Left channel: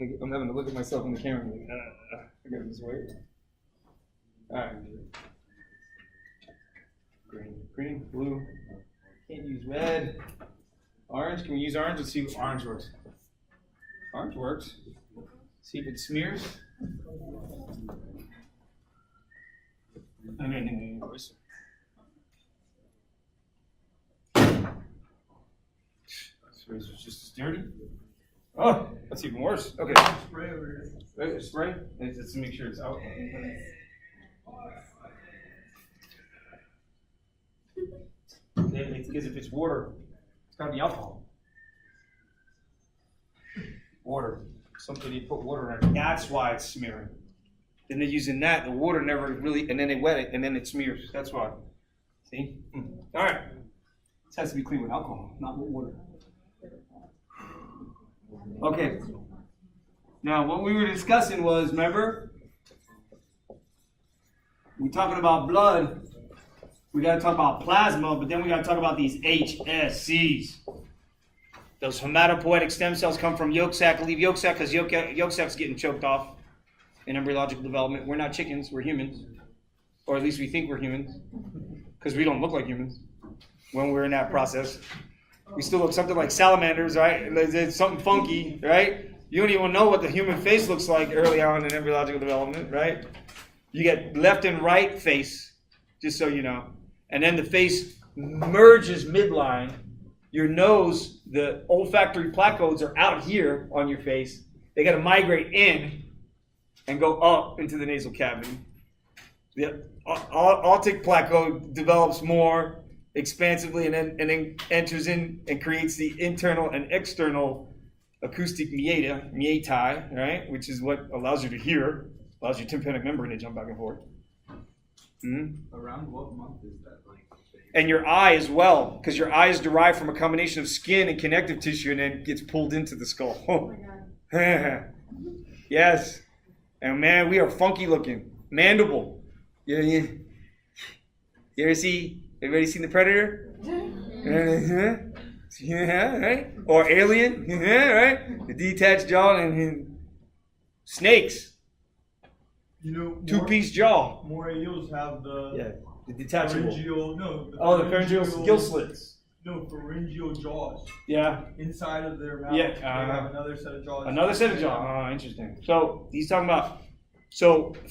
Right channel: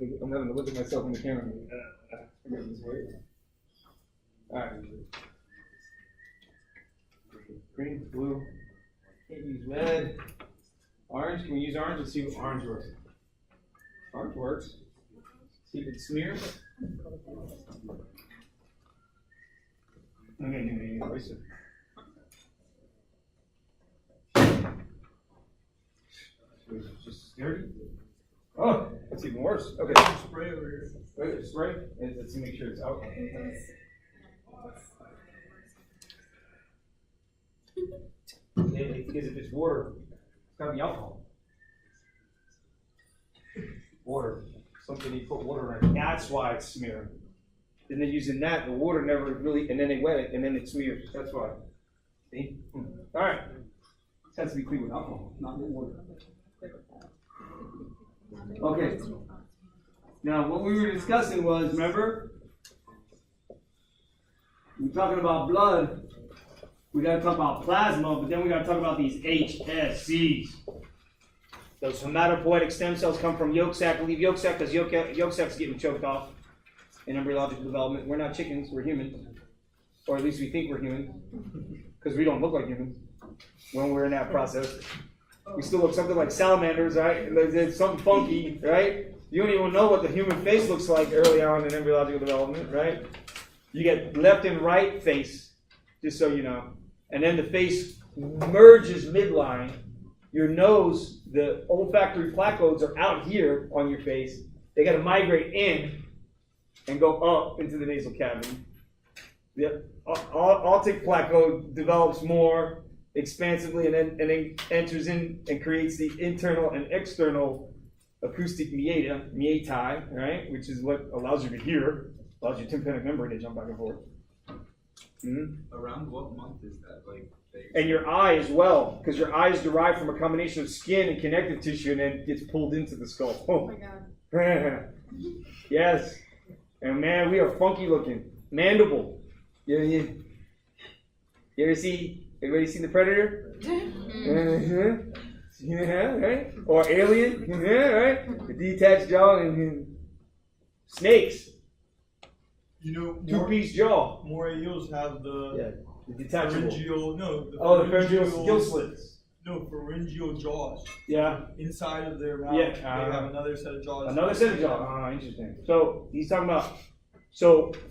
I'm having to look at myself in the camera. I gotta just wait. All right. Green, blue. Can't use red. Orange. Can we use orange? Let's see if orange works. Orange works. See if it smears. So it's just as dirty. Oh, that's even worse. Okay. Spray over here. Spray? Let's make sure it's out. Because if it's water, it's gotta be alcohol. Water. Something you put water in. That's why it's smearing. Then they're using that, the water never really, and then they wet it, and then it smears. That's why. See? All right. This has to be clean with alcohol, not with water. Okay. Now, what we were discussing was, remember? We're talking about blood. We got to talk about plasma, but then we got to talk about these HSCs. Those hematopoietic stem cells come from yolk sac. Leave yolk sac because yolk sac's getting choked off in embryological development. We're not chickens, we're humans. Or at least we think we're humans. Because we don't look like humans when we're in that process. We still look something like salamanders, right? It's something funky, right? You don't even know what the human face looks like early on in embryological development, right? You get left and right face, just so you know. And then the face merges midline. Your nose, the olfactory placodes are out here on your face. They got to migrate in and go up into the nasal cavity. The aortic placode develops more expansively and then enters in and creates the internal and external acoustic meatai, right? Which is what allows you to hear, allows your tympanic membrane to jump back and forth. Mm-hmm. Around what month is that? And your eye as well, because your eye is derived from a combination of skin and connective tissue and then gets pulled into the skull. Oh my God. Yes. And man, we are funky looking. Mandible. You ever see, everybody seen The Predator? Yeah, right? Or Alien? Yeah, right? The detached jaw and snakes. You know, two-piece jaw. More eels have the detachable. The pharyngeal gill slits. No, pharyngeal jaws. Yeah. Inside of their mouth, they have another set of jaws. Another set of jaws. Oh, interesting. So he's talking about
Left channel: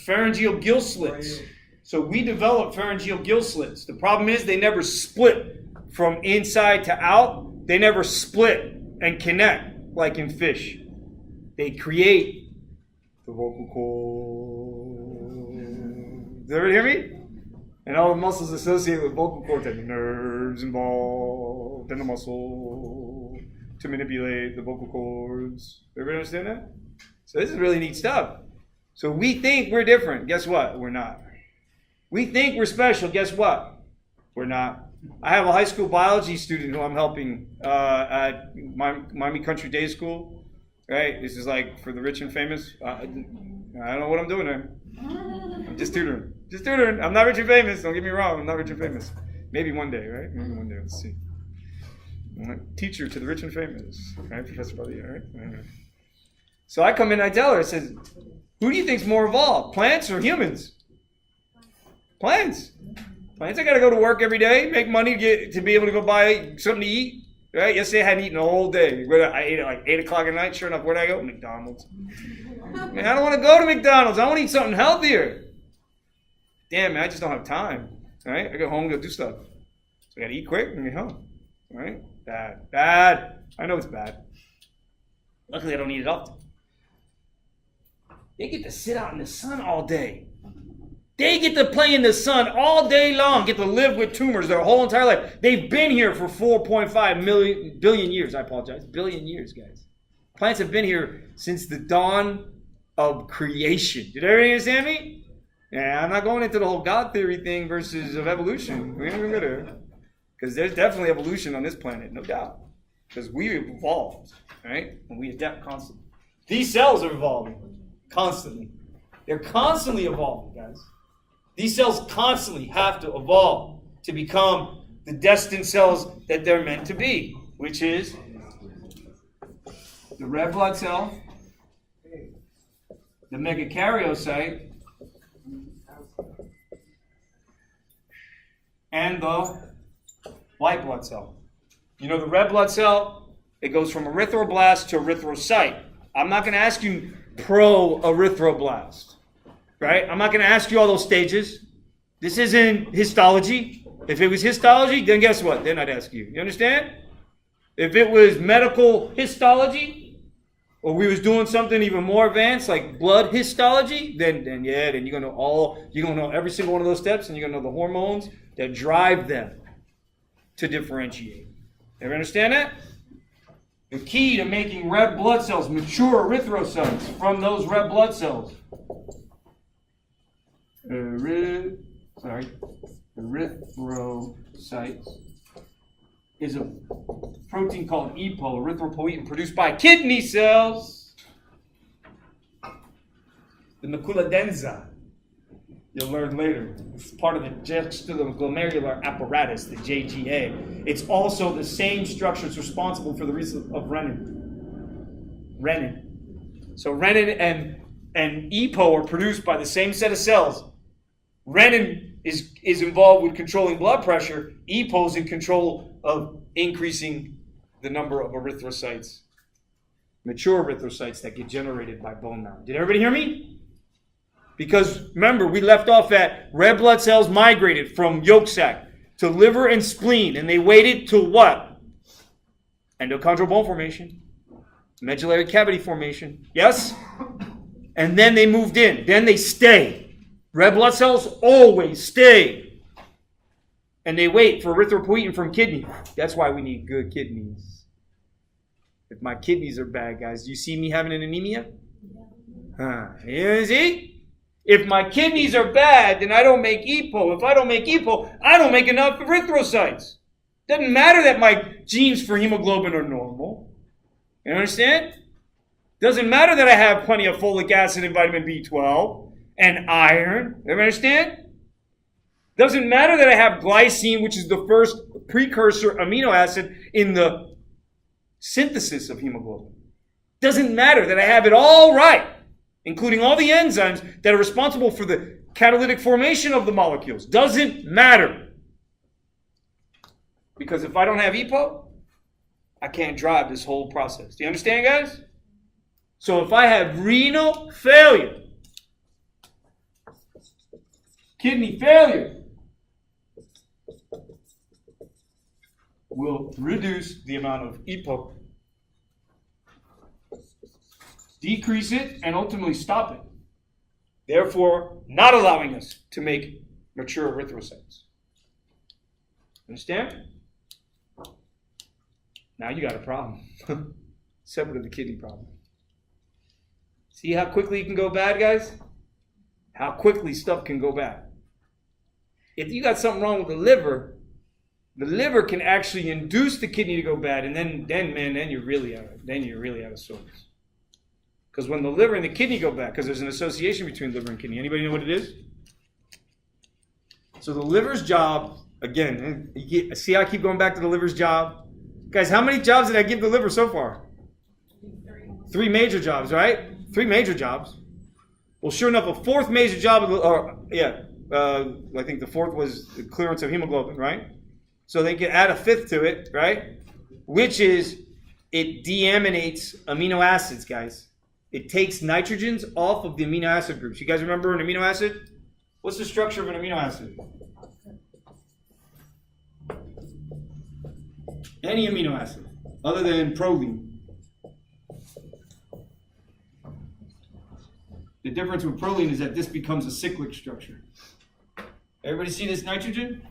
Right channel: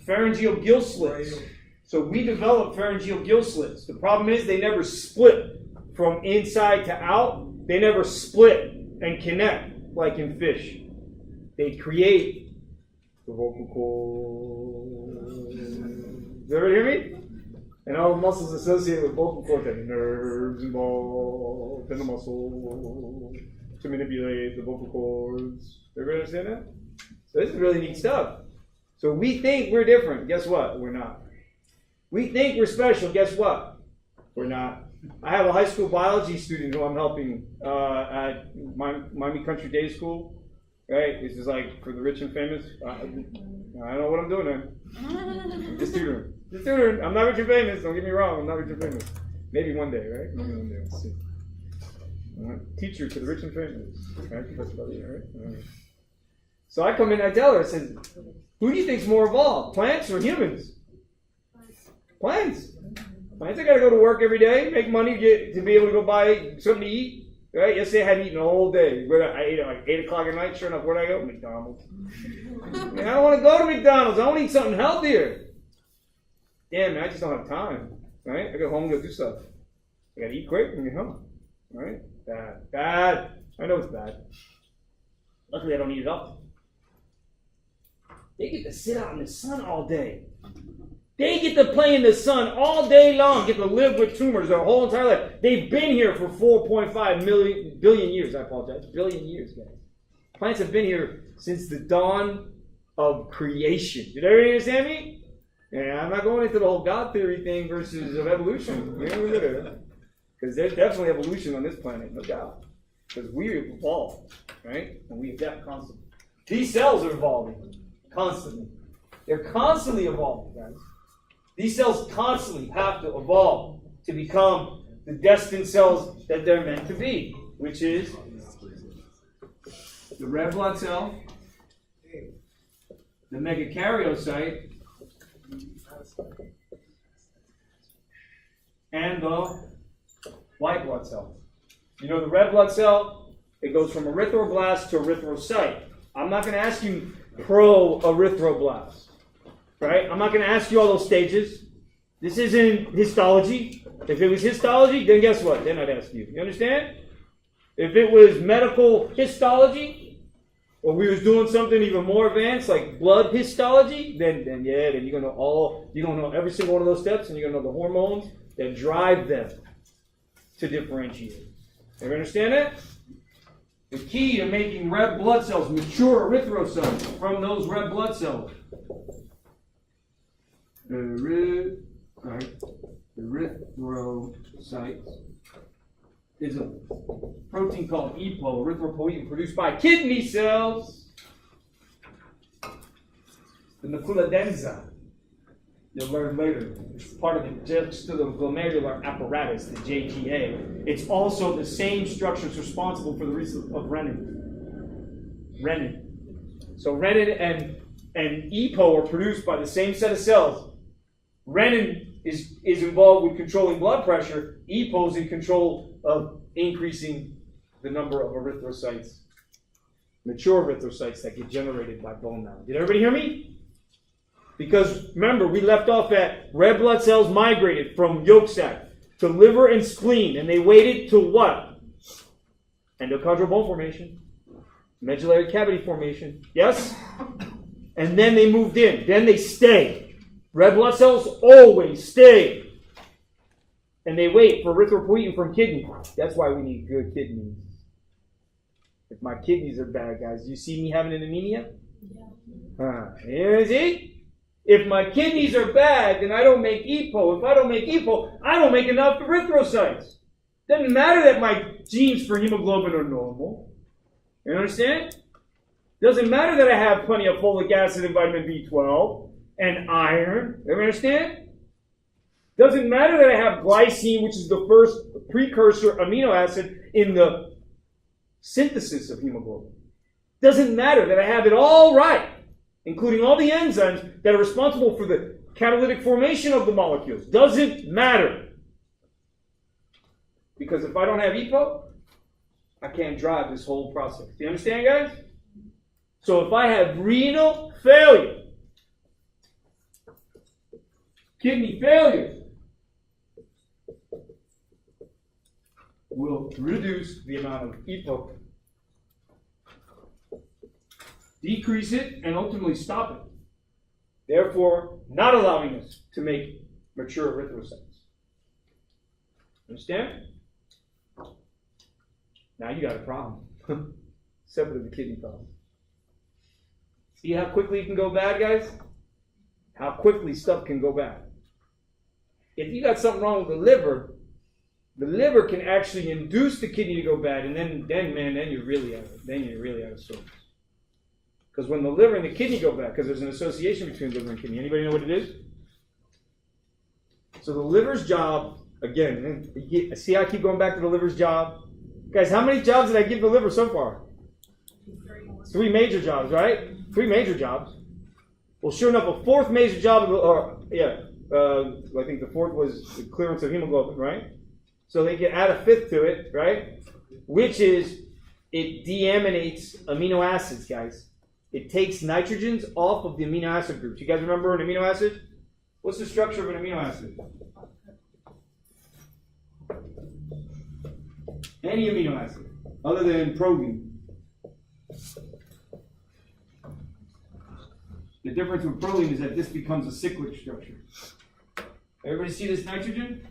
pharyngeal gill slits. Right. So we develop pharyngeal gill slits. The problem is they never split from inside to out. They never split and connect like in fish. They create the vocal cord. Does everybody hear me? And all the muscles associated with vocal cords have nerves involved in the muscle to manipulate the vocal cords. Everybody understand that? So this is really neat stuff. So we think we're different. Guess what? We're not. We think we're special. Guess what? We're not. I have a high school biology student who I'm helping at Miami Country Day School. Right? This is like for the rich and famous. I don't know what I'm doing there. I'm just tutoring. Just tutoring. I'm not rich and famous. Don't get me wrong. I'm not rich and famous. Maybe one day, right? Maybe one day. Let's see. I'm a teacher to the rich and famous. Right, Professor Badia, right? So I come in and I tell her, I said, who do you think's more evolved? Plants or humans? Plants. Plants are got to go to work every day, make money to be able to go buy something to eat. Right? Yesterday I hadn't eaten the whole day. I ate at like 8 o'clock at night. Sure enough, where'd I go? McDonald's. Man, I don't want to go to McDonald's. I want to eat something healthier. Damn, man, I just don't have time. All right? I go home and go do stuff. So I got to eat quick and get home. All right? Bad. I know it's bad. Luckily, I don't eat it often. They get to sit out in the sun all day. They get to play in the sun all day long, get to live with tumors their whole entire life. They've been here for 4.5 billion years. I apologize. Billion years, guys. Plants have been here since the dawn of creation. Did everybody understand me? Yeah, I'm not going into the whole God theory thing versus of evolution. Because there's definitely evolution on this planet, no doubt. Because we evolved, right? And we adapt constantly. These cells are evolving constantly. They're constantly evolving, guys. These cells constantly have to evolve to become the destined cells that they're meant to be, which is the red blood cell, the megakaryocyte, and the white blood cell. You know the red blood cell, it goes from erythroblast to erythrocyte. I'm not going to ask you pro-erythroblast, right? I'm not going to ask you all those stages. This isn't histology. If it was histology, then guess what? Then I'd ask you. You understand? If it was medical histology, or we was doing something even more advanced like blood histology, then you're gonna know every single one of those steps, and you're gonna know the hormones that drive them to differentiate. Ever understand that? The key to making red blood cells, mature erythrocytes from those red blood cells. Erythrocytes is a protein called EPO, erythropoietin, produced by kidney cells. The macula densa, you'll learn later. It's part of the juxtaglomerular apparatus, the JGA. It's also the same structure that's responsible for the release of renin. So renin and EPO are produced by the same set of cells. Renin is involved with controlling blood pressure. EPO is in control of increasing the number of erythrocytes, mature erythrocytes that get generated by bone marrow. Did everybody hear me? Because remember, we left off at red blood cells migrated from yolk sac to liver and spleen, and they waited to what? Endochondral bone formation, medullary cavity formation. Yes? And then they moved in. Then they stay. Red blood cells always stay. And they wait for erythropoietin from kidney. That's why we need good kidneys. If my kidneys are bad, guys, do you see me having an anemia? You see? If my kidneys are bad, then I don't make EPO. If I don't make EPO, I don't make enough erythrocytes. Doesn't matter that my genes for hemoglobin are normal. You understand? Doesn't matter that I have plenty of folic acid and vitamin B12 and iron. You understand? Doesn't matter that I have glycine, which is the first precursor amino acid in the synthesis of hemoglobin. Doesn't matter that I have it all right, including all the enzymes that are responsible for the catalytic formation of the molecules. Doesn't matter. Because if I don't have EPO, I can't drive this whole process. Do you understand, guys? So if I have renal failure, kidney failure, will reduce the amount of EPO, decrease it, and ultimately stop it. Therefore, not allowing us to make mature erythrocytes. Understand? Now you got a problem. Separate of the kidney problem. See how quickly it can go bad, guys? How quickly stuff can go bad. If you got something wrong with the liver can actually induce the kidney to go bad, and then you're really out of sorts. Because when the liver and the kidney go bad, because there's an association between liver and kidney. Anybody know what it is? So the liver's job, again, see how I keep going back to the liver's job? Guys, how many jobs did I give the liver so far? 3 major jobs, right? 3 major jobs. Well, sure enough, a fourth major job, I think the fourth was the clearance of hemoglobin, right? So they can add a fifth to it, right? Which is it deaminates amino acids, guys. It takes nitrogens off of the amino acid groups. You guys remember an amino acid? What's the structure of an amino acid? Any amino acid, other than proline. The difference with proline is that this becomes a cyclic structure. Everybody see this nitrogen?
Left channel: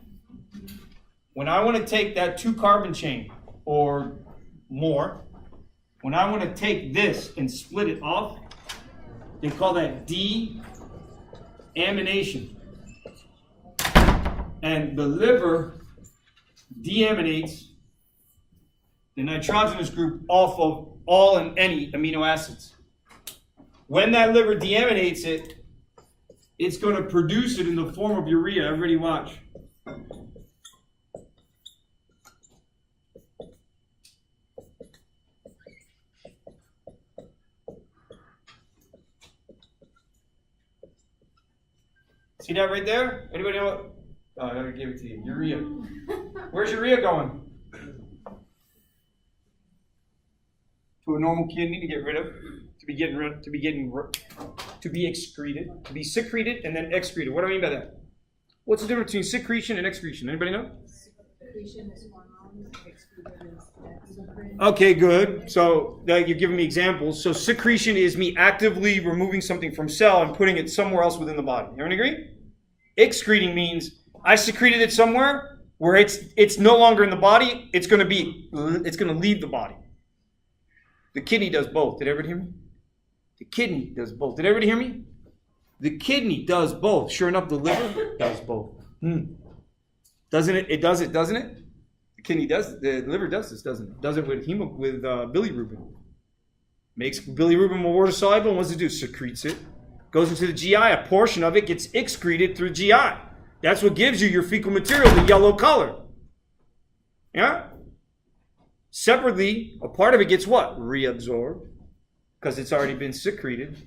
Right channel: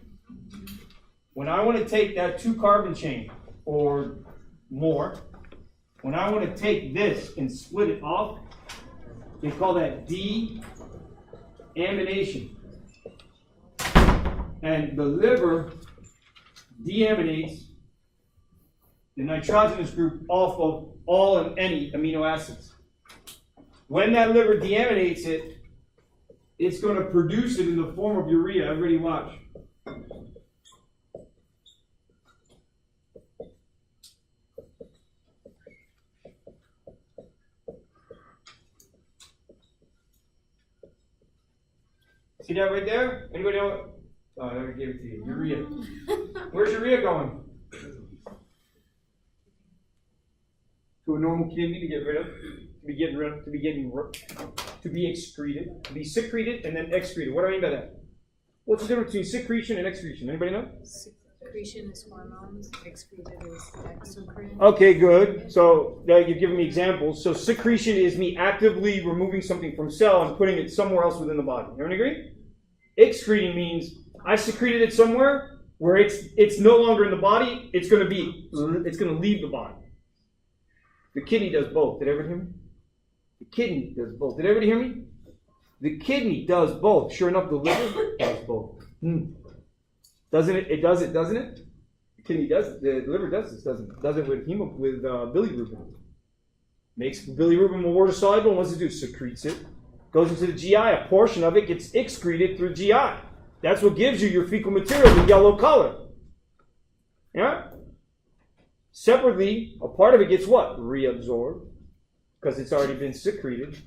When I want to take that 2-carbon chain or more, when I want to take this and split it off, they call that deamination. And the liver deaminates the nitrogenous group off of all and any amino acids. When that liver deaminates it, it's going to produce it in the form of urea. Everybody watch. See that right there? Anybody know? Oh, I already gave it to you. Urea. Where's urea going? To a normal kidney to get rid of, to be excreted, to be secreted and then excreted. What do I mean by that? What's the difference between secretion and excretion? Anybody know? Secretion is hormones, excreted is exocrine. Okay, good. So you're giving me examples. So secretion is me actively removing something from cell and putting it somewhere else within the body. Everyone agree? Excreting means I secreted it somewhere where it's no longer in the body. It's going to leave the body. The kidney does both. Did everybody hear me? The kidney does both. Did everybody hear me? The kidney does both. Sure enough, the liver does both. Doesn't it? It does it, doesn't it? The kidney does it. The liver does this, doesn't it? Does it with bilirubin. Makes bilirubin more water soluble. And what does it do? Secretes it. Goes into the GI. A portion of it gets excreted through GI. That's what gives you your fecal material, the yellow color. Yeah? Separately, a part of it gets what? Reabsorbed. Because it's already been secreted.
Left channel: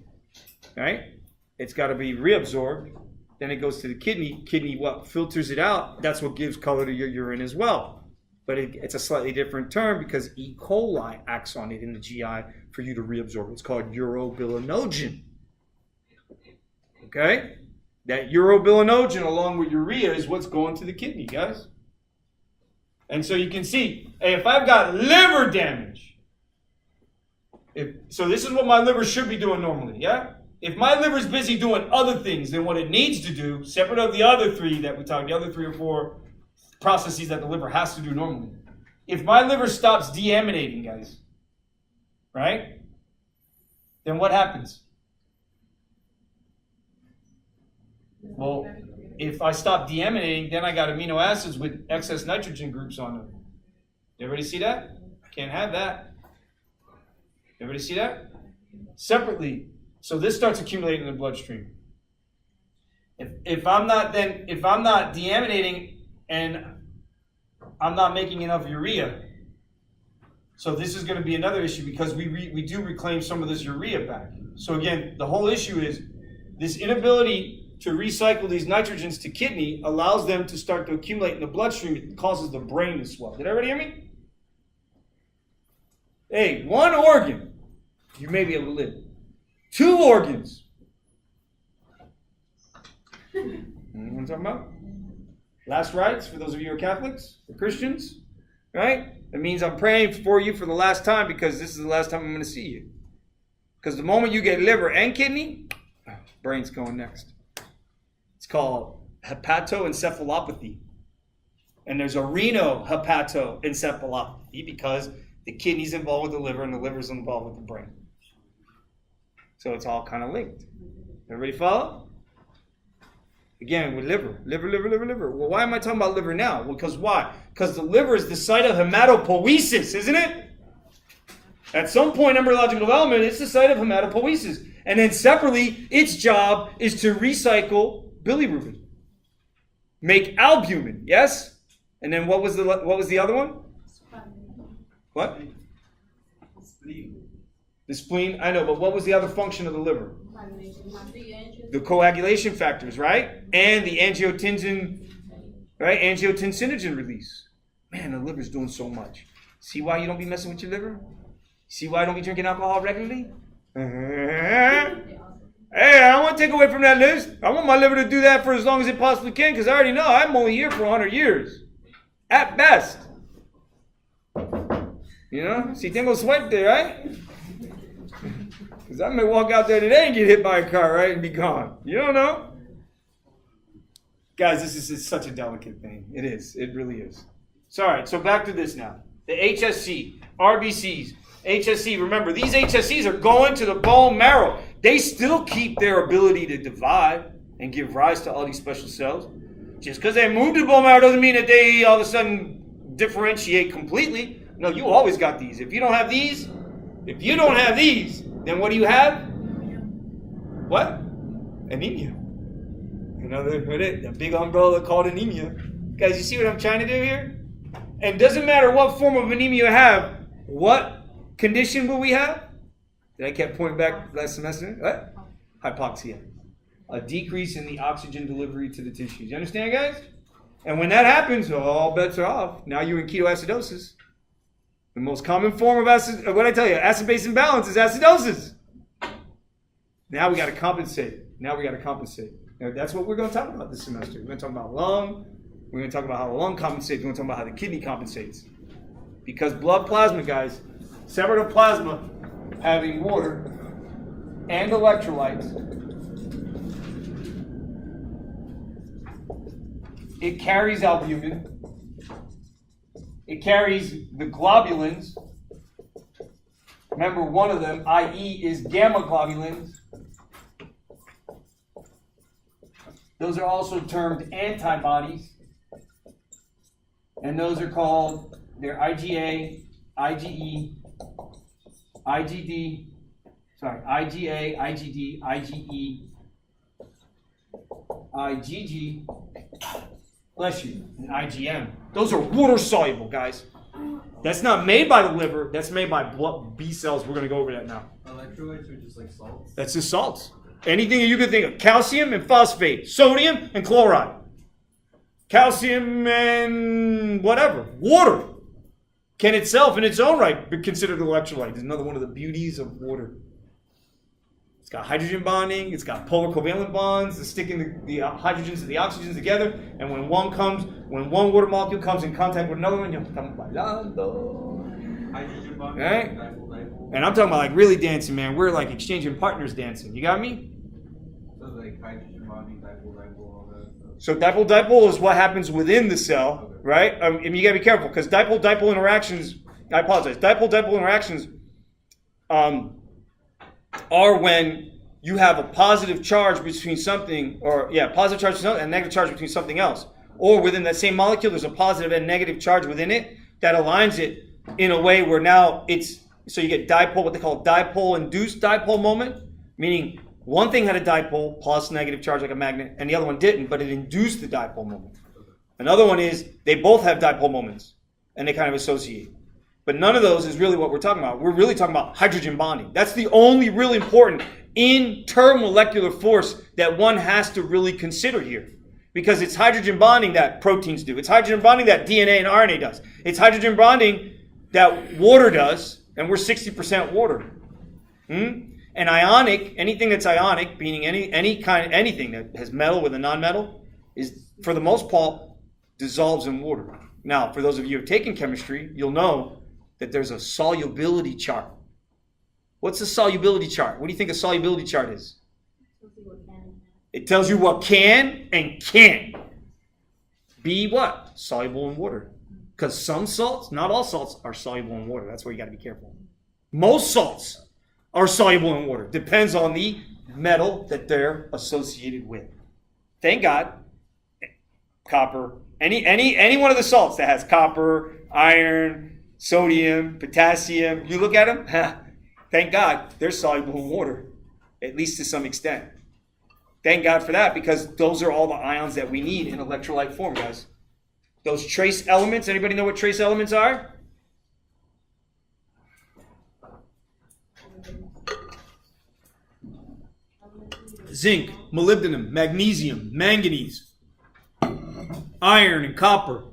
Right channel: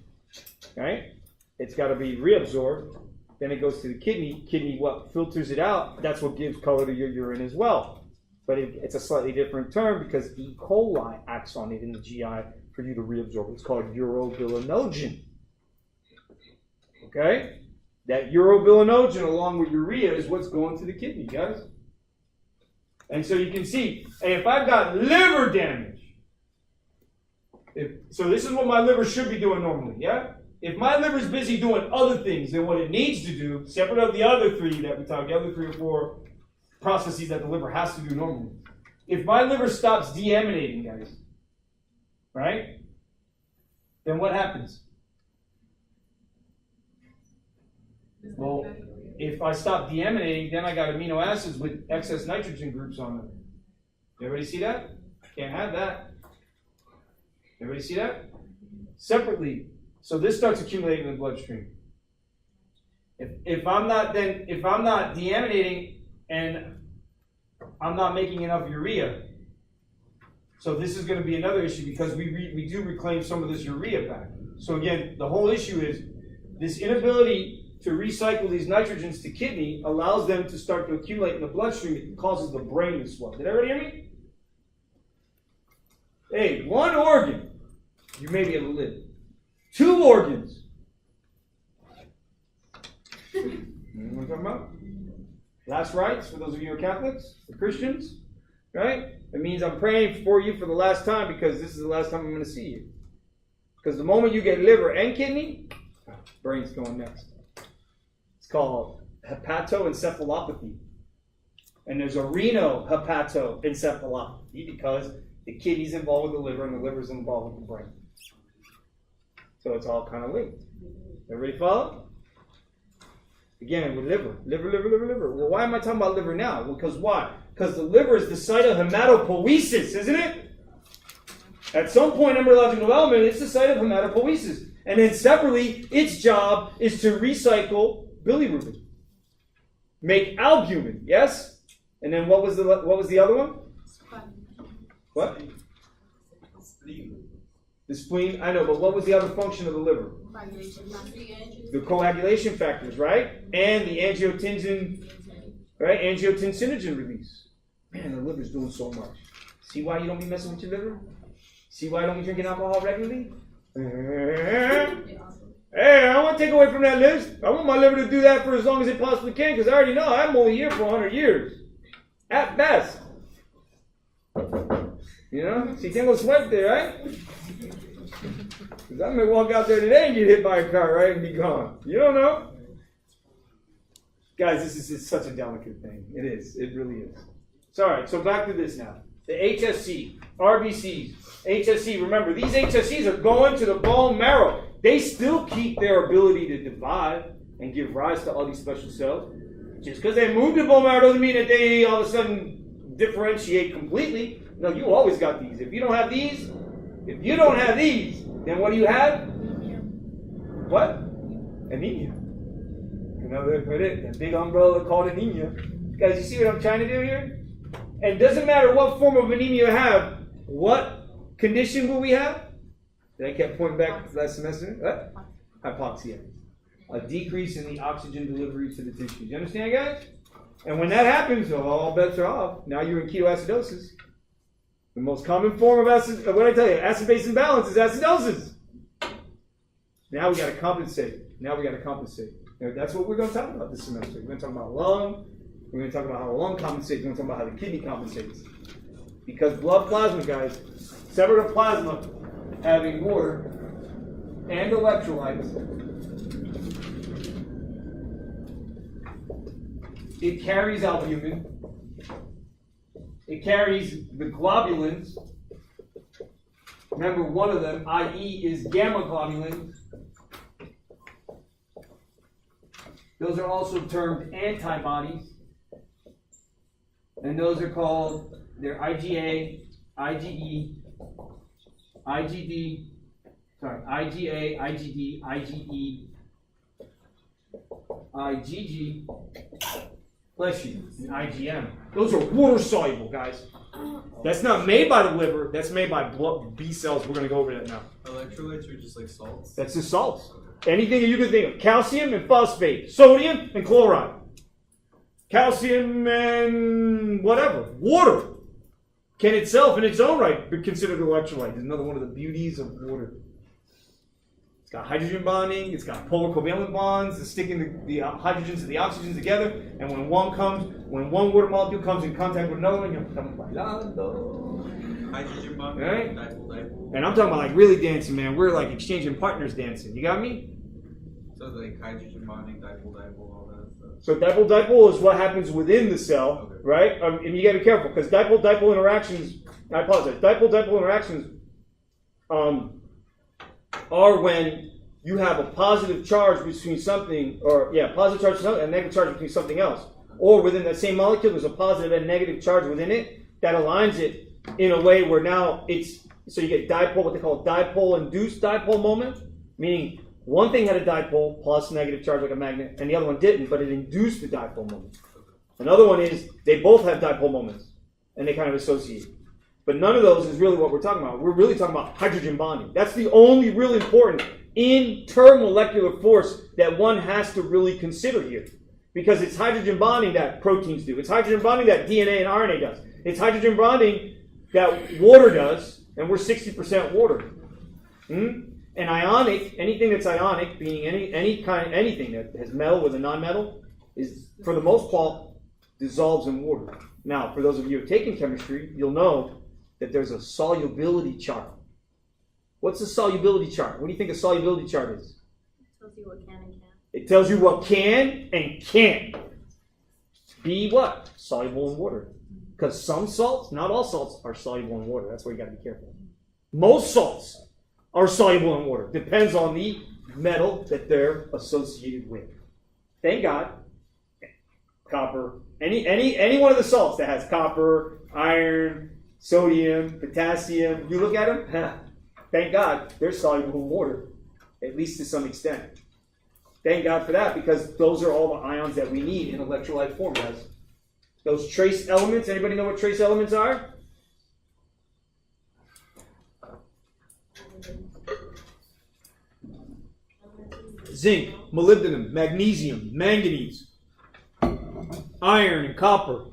Right? It's got to be reabsorbed. Then it goes to the kidney. Kidney what? Filters it out. That's what gives color to your urine as well. But it's a slightly different term because E. coli acts on it in the GI for you to reabsorb. It's called urobilinogen. Okay? That urobilinogen along with urea is what's going to the kidney, guys. And so you can see, hey, if I've got liver damage, so this is what my liver should be doing normally, yeah? If my liver's busy doing other things than what it needs to do, separate of the other three that we talked, the other 3 or 4 processes that the liver has to do normally. If my liver stops deaminating, guys, right? Then what happens? Well, if I stop deaminating, then I got amino acids with excess nitrogen groups on them. Everybody see that? Can't have that. Everybody see that? Separately. So this starts accumulating in the bloodstream. If I'm not deaminating and I'm not making enough urea, so this is going to be another issue because we do reclaim some of this urea back. So again, the whole issue is this inability to recycle these nitrogens to kidney allows them to start to accumulate in the bloodstream. It causes the brain to swell. Did everybody hear me? Hey, one organ, you may be able to live. 2 organs. You know what I'm talking about? Last rites, for those of you who are Catholics, for Christians, right? It means I'm praying for you for the last time because this is the last time I'm going to see you. Because the moment you get liver and kidney, brain's going next. It's called hepatoencephalopathy. And there's a renal hepatoencephalopathy because the kidney's involved with the liver and the liver's involved with the brain. So it's all kind of linked. Everybody follow? Again, with liver. Well, why am I talking about liver now? Well, because why? Because the liver is the site of hematopoiesis, isn't it? At some point in embryological development, it's the site of hematopoiesis. And then separately, its job is to recycle bilirubin. Make albumin, yes? And then what was the other one? What? The spleen, I know, but what was the other function of the liver? The coagulation factors, right? And the angiotensin, right? Angiotensinogen release. Man, the liver's doing so much. See why you don't be messing with your liver? See why I don't be drinking alcohol regularly? Hey, I don't want to take away from that list. I want my liver to do that for as long as it possibly can because I already know I'm only here for 100 years. At best. You know? Si tengo suerte, right? Because I may walk out there today and get hit by a car, right? And be gone. You don't know. Guys, this is such a delicate thing. It is. It really is. So, all right. So back to this now. The HSC, RBCs, HSC. Remember, these HSCs are going to the bone marrow. They still keep their ability to divide and give rise to all these special cells. Just because they move to the bone marrow doesn't mean that they all of a sudden differentiate completely. No, you always got these. If you don't have these, then what do you have? What? Anemia. Another, that big umbrella called anemia. Guys, you see what I'm trying to do here? And it doesn't matter what form of anemia you have, what condition will we have? That I kept pointing back last semester? What? Hypoxia. a decrease in the oxygen delivery to the tissues. You understand, guys? And when that happens, all bets are off. Now you're in ketoacidosis. The most common form of acid, what I tell you, acid-base imbalance is acidosis. Now we got to compensate. Now that's what we're going to talk about this semester. We're going to talk about lung. We're going to talk about how the lung compensates. We're going to talk about how the kidney compensates. Because blood plasma, guys, separative plasma having water and electrolytes, it carries albumin. It carries the globulins. Remember, one of them, i.e., is gamma globulins. Those are also termed antibodies. And those are called, they're IgA, IgE, IgD, IgA, IgD, IgE, IgG, bless you, and IgM. Those are water soluble, guys. That's not made by the liver, that's made by blood B cells. We're going to go over that now. Electrolytes are just like salts? That's just salts. Anything that you can think of. Calcium and phosphate, sodium and chloride. Calcium and whatever. Water can itself in its own right be considered an electrolyte. It's another one of the beauties of water. It's got hydrogen bonding. It's got polar covalent bonds that sticking the hydrogens to the oxygens together. And when one water molecule comes in contact with another one, you're bailando. Hydrogen bonding, right? dipole. And I'm talking about like really dancing, man. We're like exchanging partners dancing. You got me? So like hydrogen bonding, dipole, all that stuff. So dipole is what happens within the cell, okay, right? And you gotta be careful because dipole interactions, I apologize, dipole interactions are when you have a positive charge between something, positive charge between something and negative charge between something else. Or within that same molecule, there's a positive and negative charge within it that aligns it in a way where now so you get dipole, what they call dipole-induced dipole moment, meaning one thing had a dipole plus negative charge like a magnet, and the other one didn't, but it induced the dipole moment. Another one is they both have dipole moments, and they kind of associate. But none of those is really what we're talking about. We're really talking about hydrogen bonding. That's the only really important intermolecular force that one has to really consider here. Because it's hydrogen bonding that proteins do. It's hydrogen bonding that DNA and RNA does. It's hydrogen bonding that water does, and we're 60% water. And ionic, anything that's ionic, meaning anything that has metal with a non-metal, is for the most part dissolves in water. Now, for those of you who have taken chemistry, you'll know that there's a solubility chart. What's a solubility chart? What do you think a solubility chart is? Tells you what can and can't. It tells you what can and can't be what? Soluble in water. Because some salts, not all salts, are soluble in water. That's where you got to be careful. Most salts are soluble in water. Depends on the metal that they're associated with. Thank God, copper, any one of the salts that has copper, iron, sodium, potassium, you look at them, thank God, they're soluble in water, at least to some extent. Thank God for that, because those are all the ions that we need in electrolyte form, guys. Those trace elements, anybody know what trace elements are? Zinc, molybdenum, magnesium, manganese, iron, and copper.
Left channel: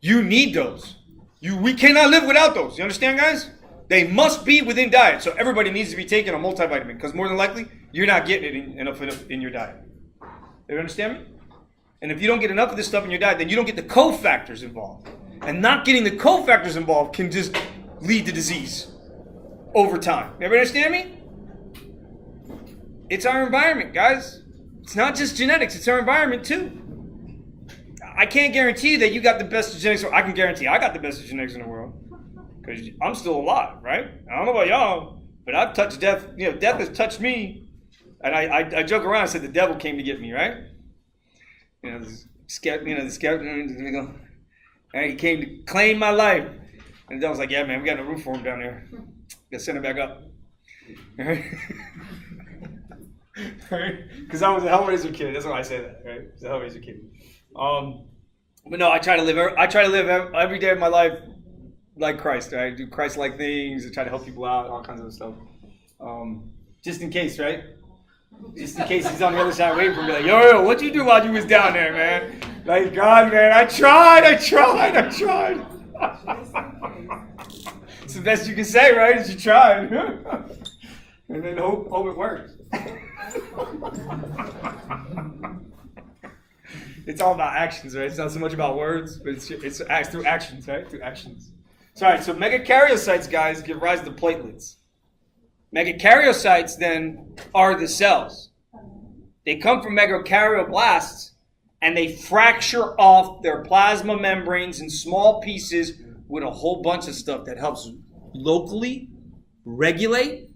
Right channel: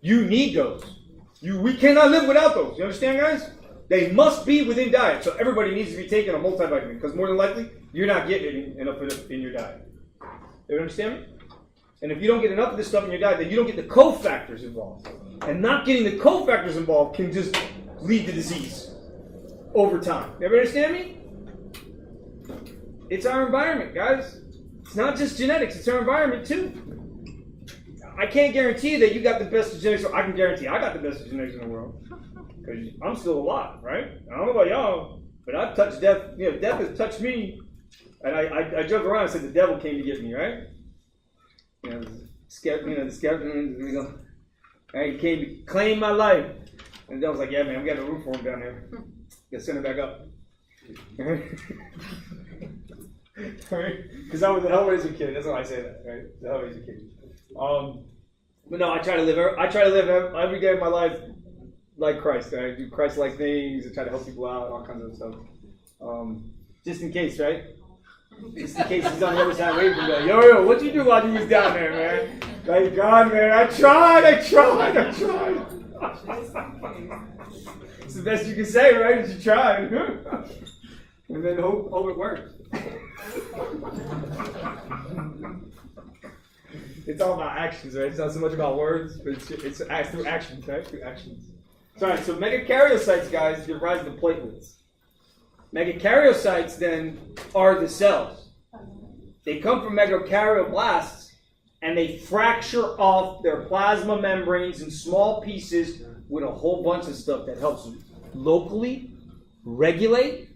You need those. We cannot live without those. You understand, guys? They must be within diet. So everybody needs to be taking a multivitamin, because more than likely, you're not getting it enough in your diet. You understand me? And if you don't get enough of this stuff in your diet, then you don't get the cofactors involved. And not getting the cofactors involved can just lead to disease over time. You ever understand me? It's our environment, guys. It's not just genetics, it's our environment too. I can't guarantee that you got the best genetics. I can guarantee I got the best genetics in the world, because I'm still alive, right? I don't know about y'all, but I've touched death. You know, death has touched me. And I joke around and say the devil came to get me, right? You know, the skeleton, go, right, he came to claim my life. And the devil's like, yeah, man, we got a roof for him down there. Got to send him back up. Because I was a Hellraiser kid. That's why I say that, right? I was a Hellraiser kid. But no, I try to live every day of my life like Christ. Right? I do Christ-like things. I try to help people out, all kinds of stuff. Just in case, right? Just in case he's on the other side waiting for me, like, yo, what you do while you was down there, man? Like, God, man, I tried. It's the best you can say, right? Is you tried. And then hope it works. It's all about actions, right? It's not so much about words, but it's through actions, right? Through actions. So, all right, so megakaryocytes, guys, give rise to platelets. Megakaryocytes, then, are the cells. They come from megakaryoblasts, and they fracture off their plasma membranes in small pieces with a whole bunch of stuff that helps locally regulate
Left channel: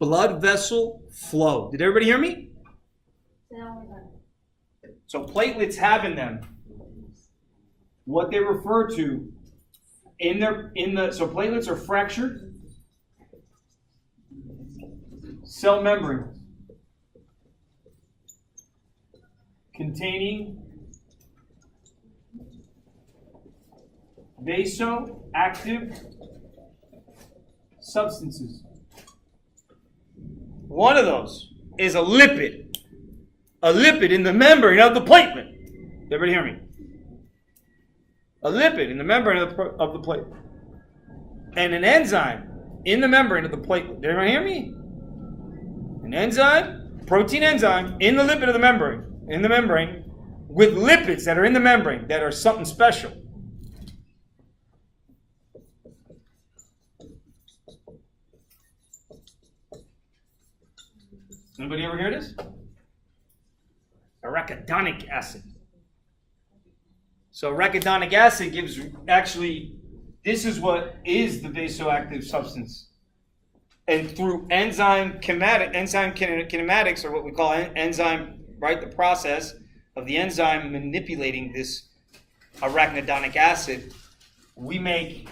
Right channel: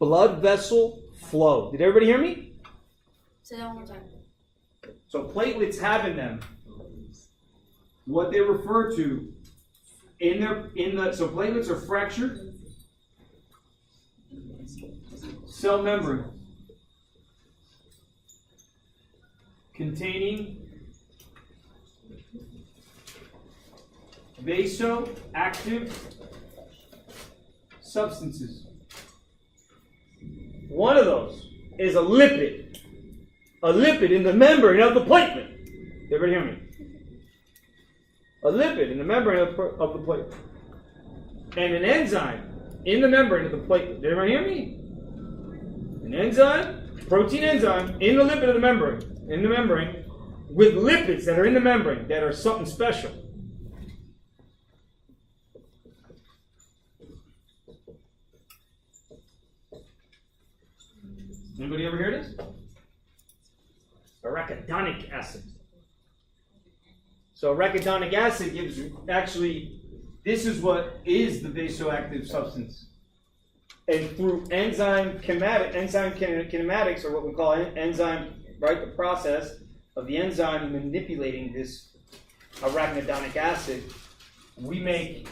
blood vessel flow. Did everybody hear me? Say that one more time. So platelets have in them what they refer to so platelets are fractured cell membrane containing vasoactive substances. One of those is a lipid in the membrane of the platelet. Everybody hear me? A lipid in the membrane of the platelet. And an enzyme in the membrane of the platelet. Did everybody hear me? An enzyme, protein enzyme, in the lipid of the membrane, with lipids that are in the membrane that are something special. Anybody ever hear this? Arachidonic acid. So arachidonic acid this is what is the vasoactive substance. And through enzyme kinematics, or what we call enzyme, right, the process of the enzyme manipulating this arachidonic acid, we make